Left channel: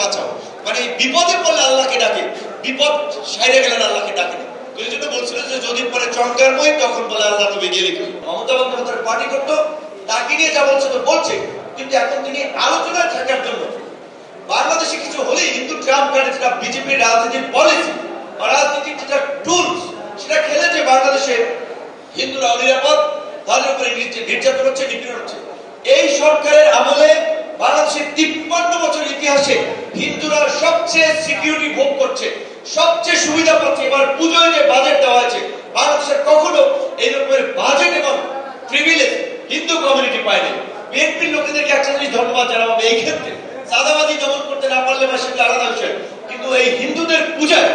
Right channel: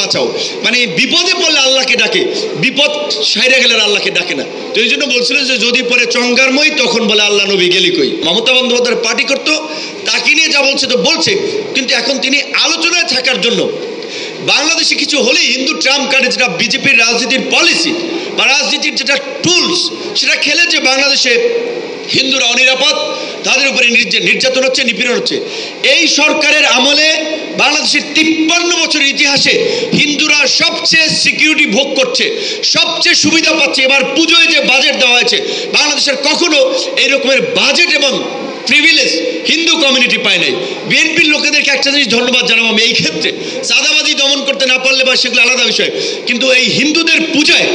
বাঁচাও, মানে বিপদে পড়লে আল্লাহকে ডাকে, বিপদ সাইরে গেলে আল্লাহকে ডাকে না। তো এই জন্য বলছিল যে যদি পরে চঙ্গারময় তখন বলে আল্লাহ নবী গেলি কই। মমতা বন্দ্যোপাধ্যায় পার্টি করতো, তাকে নিয়ে যা বলছে তো বলছে, কিন্তু এখন তিনি আলোচনায় থাকার জন্য বাংলাদেশে কিছু হলে হিন্দু ট্রাম্প কার্ডে, যেটা বিজেপির রাজনীতির পলিসি বা রাজনীতির যেটা টুলস, সেটা খেলে যে বাংলাদেশে হিন্দুরা অনিরাপদ, তাদের উপরে নির্যাতন হচ্ছে, নিপীড়ন হচ্ছে। এই সরকারের আমলে বাংলাদেশের 53 বছরের ইতিহাসে হিন্দুরা সবচেয়ে সিকিউরিটি ভোগ করছে, সবচেয়ে সুবিধা পাচ্ছে। এবার পুজোয় যে বাজেট দেওয়া হয়েছে, বাংলাদেশের কখনো এই রকমের বাজেট এবং প্রিভিলেজ হিন্দু কমিউনিটি পায় নাই। বিএনপির লোকেদেরকে একটা জিনিস ধন্যবাদ জানাবো আমি এই ক্ষেত্রে, চাঁদাবাজি দমন করতে না পারলে বা সেগুলো আলাদা বিষয়, কিন্তু এই হিন্দুদের পূজায়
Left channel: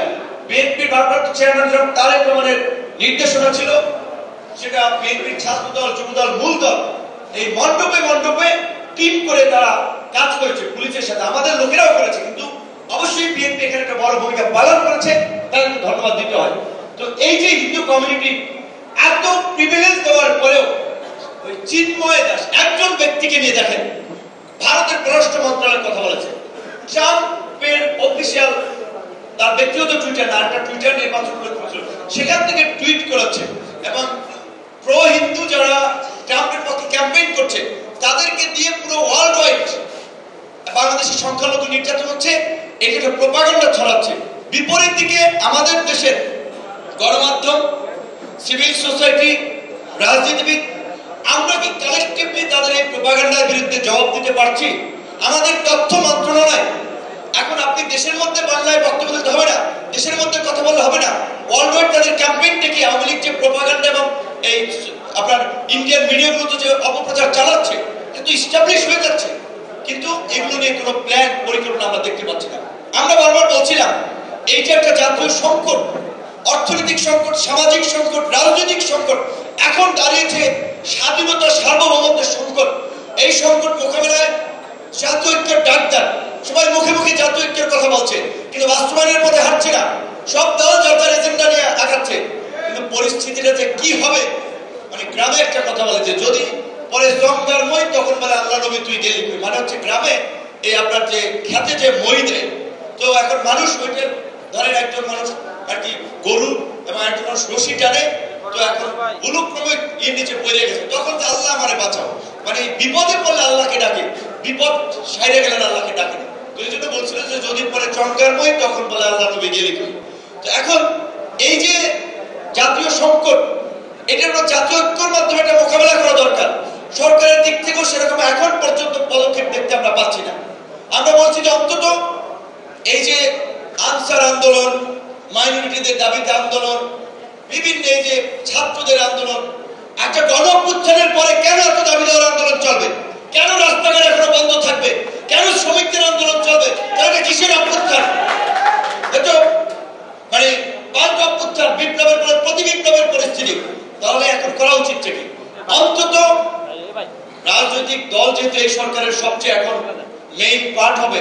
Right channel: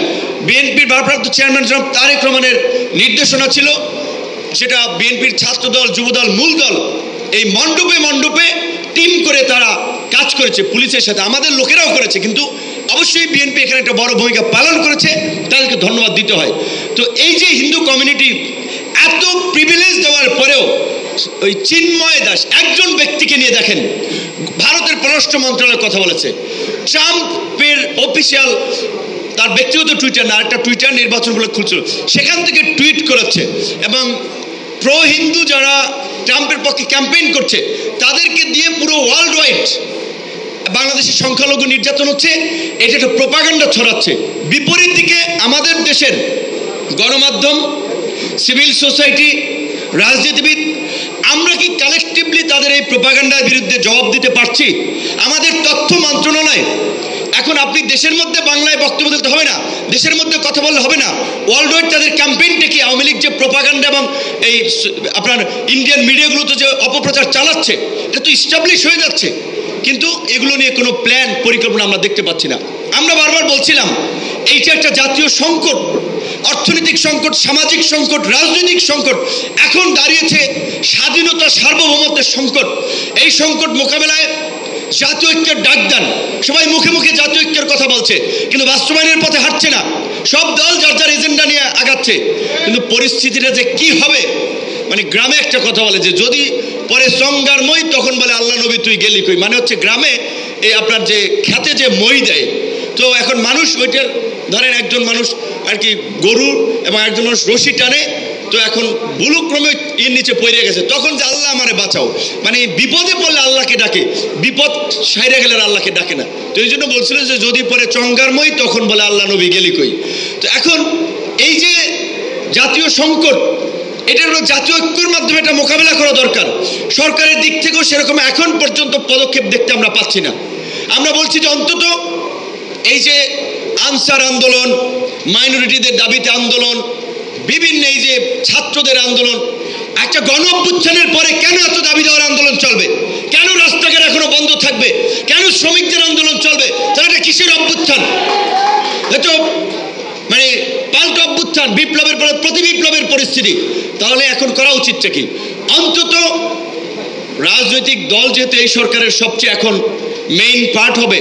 বিএনপির ভারপ্রাপ্ত চেয়ারম্যান জনাব তারেক রহমানের নির্দেশনা ছিল, সেটা বিএনপির ছাত্রদল, যুবদল, মূল দল এই মণ্ডপে মণ্ডপে টিম করে তারা কাজ করেছে পুলিশের সাথে, আমাদের লোকেরাও করেছে, কিন্তু অবশ্যই বিএনপি এখানে একটা বড় ভূমিকা পালন করেছে, তাদেরকে ধন্যবাদ দিতে হয়। তো এই যে হিন্দু কমিউনিটি এত প্রিভিলেজ দেওয়ার পরেও ওই চিন্ময় দাস একজন ব্যক্তিকে নিয়ে দেখেন, ভারতের পররাষ্ট্র মন্ত্রণালয়ের কথা বলেছে, ট্রাম্পের অফিসিয়াল তার ব্যক্তিগত টুইটার না, আরেকটা টুইটার নির্বাচন বলে খুলছিল, সেখান থেকে টুইট করাচ্ছে এবং প্রো হিন্দু যারা ট্রাম্পের পক্ষে ক্যাম্পেইন করছে তাদেরকে দিয়ে পুরো ওয়ার্ল্ড ওয়াইড বাংলাদেশের সংখ্যালঘু নির্যাতন হচ্ছে, এটা একটা প্রোপাগান্ডা ছড়াচ্ছে। বিপরীত দিকে আমাদের দেশের গণমাধ্যম, সিভিল সোসাইটি, রাজনীতিবিদ, আমরা কি কালেকটিভলি তাদের এই প্রোপাগান্ডার বিরুদ্ধে জবাব দিতে পারছি? আমাদের তথ্য মন্ত্রণালয় এখন, আপনি দেশের মধ্যে বাংলায় বক্তব্য দিতে হবে না, দেশের মধ্যে কথা বললে হবে না, ওয়ার্ল্ড ওয়াইড তাদের ক্যাম্পেইনটা কি, আওয়ামী লীগ যে প্রোপাগান্ডা এবং এই আপনার ইন্ডিয়ান মিডিয়াগুলোতে যে অপপ্রচার চালাচ্ছে, এটা তো ইস্টাবলিশ হয়ে যাচ্ছে, কিন্তু এগুলো নিয়ে কোনো প্ল্যান পরিকল্পনা আমরা দেখতে পাচ্ছি না। আমরা বারবার বলছিলাম এইটা একটা জাতীয় সংকট, অর্থনৈতিক সংকট, সামাজিক সংকট, রাজনৈতিক সংকট, এখন দাঁড়িয়েছে স্বাধীনতা সার্বভৌমত্বের সংকট। এই সংকট মোকাবেলায় জাতীয় ঐক্যের ডাক দেন, সবাই মুখে মুখে জাতীয় ঐক্যের কথা বলছে, কিন্তু বাস্তবায়নের পথে হাঁটছে না, সব দল যার যার এজেন্ডা নিয়ে আগাচ্ছে, কিন্তু পরিস্থিতিটা যে কি হবে, মানে গ্রামে একটা কথা বলে যে যদি পরে চঙ্গারময় তখন বলে আল্লাহ নবী তুই গেলি কই, মানে হচ্ছে গ্রামে এই আপনার যে খেতে যে মই দেয়, তো এখন মানুষ ওইটা ধরেন একজন মানুষ আর কি গরু এবং একজন মানুষ রশি টানে, তো এখন বুলুক্রমে এর নিচে পড়ে গেছে, তখন যে আল্লাহ আমারে বাঁচাও, মানে বিপদে পড়লে আল্লাহকে ডাকে, বিপদ সাইরে গেলে আল্লাহকে ডাকে না। তো এই জন্য বলছিল যে যদি পরে চঙ্গারময় তখন বলে আল্লাহ নবী গেলি কই। তো এখন এই যে জাতীয় সংকট, এটা হলো জাতীয় ঐক্যের মাধ্যমে এটা মোকাবেলা করা দরকার। সরকারের দিক থেকেও সেরকম এখন পর্যন্ত পদক্ষেপ দেখতে আমরা পাচ্ছি না। আমরা বলছি যে অন্তত এই যে আনসার আন্দোলন, মাইনরিটিদের দাবিতে আন্দোলন, বিভিন্ন এই যে ছাত্রদের আন্দোলন, একটা গণ অভ্যুত্থানের পরে কেন এত দাবি দেওয়ার আন্দোলন চলবে, কেন রাস্তাঘাট এখনো বন্ধ থাকবে, কেন শ্রমিকদের আন্দোলন চলবে, তাহলে এটা কিসের অভ্যুত্থান? এটা মানে পাল্টা অভ্যুত্থান, বিপ্লবের পরে প্রতি বিপ্লবের পরিস্থিতি। তাহলে এখন করা উচিতটা কি? অন্তত রাজনৈতিক দল যেহেতু এই সরকারের সবচেয়ে এখন মেইন পার্ট হবে,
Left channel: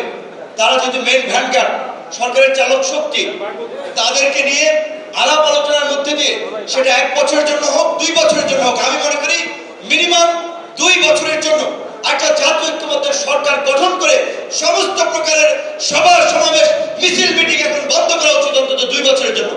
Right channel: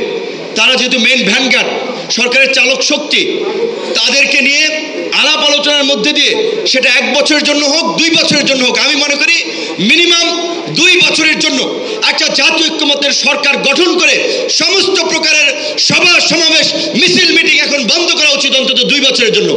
তারা যেহেতু মেইন ভ্যানগার্ড, সরকারের চালক শক্তি, তাদেরকে নিয়ে আলাপ আলোচনার মধ্যে দিয়ে সেটা 1 বছরের জন্য হোক, 2 বছরের জন্য হোক, আমি মনে করি মিনিমাম 2 বছরের জন্য একটা জাতীয় ঐক্যমত্যের সরকার গঠন করে সমস্ত প্রকারের সভা সমাবেশ, মিছিল, মিটিং এখন বন্ধ করা উচিত অন্তত 2 বছরের জন্য।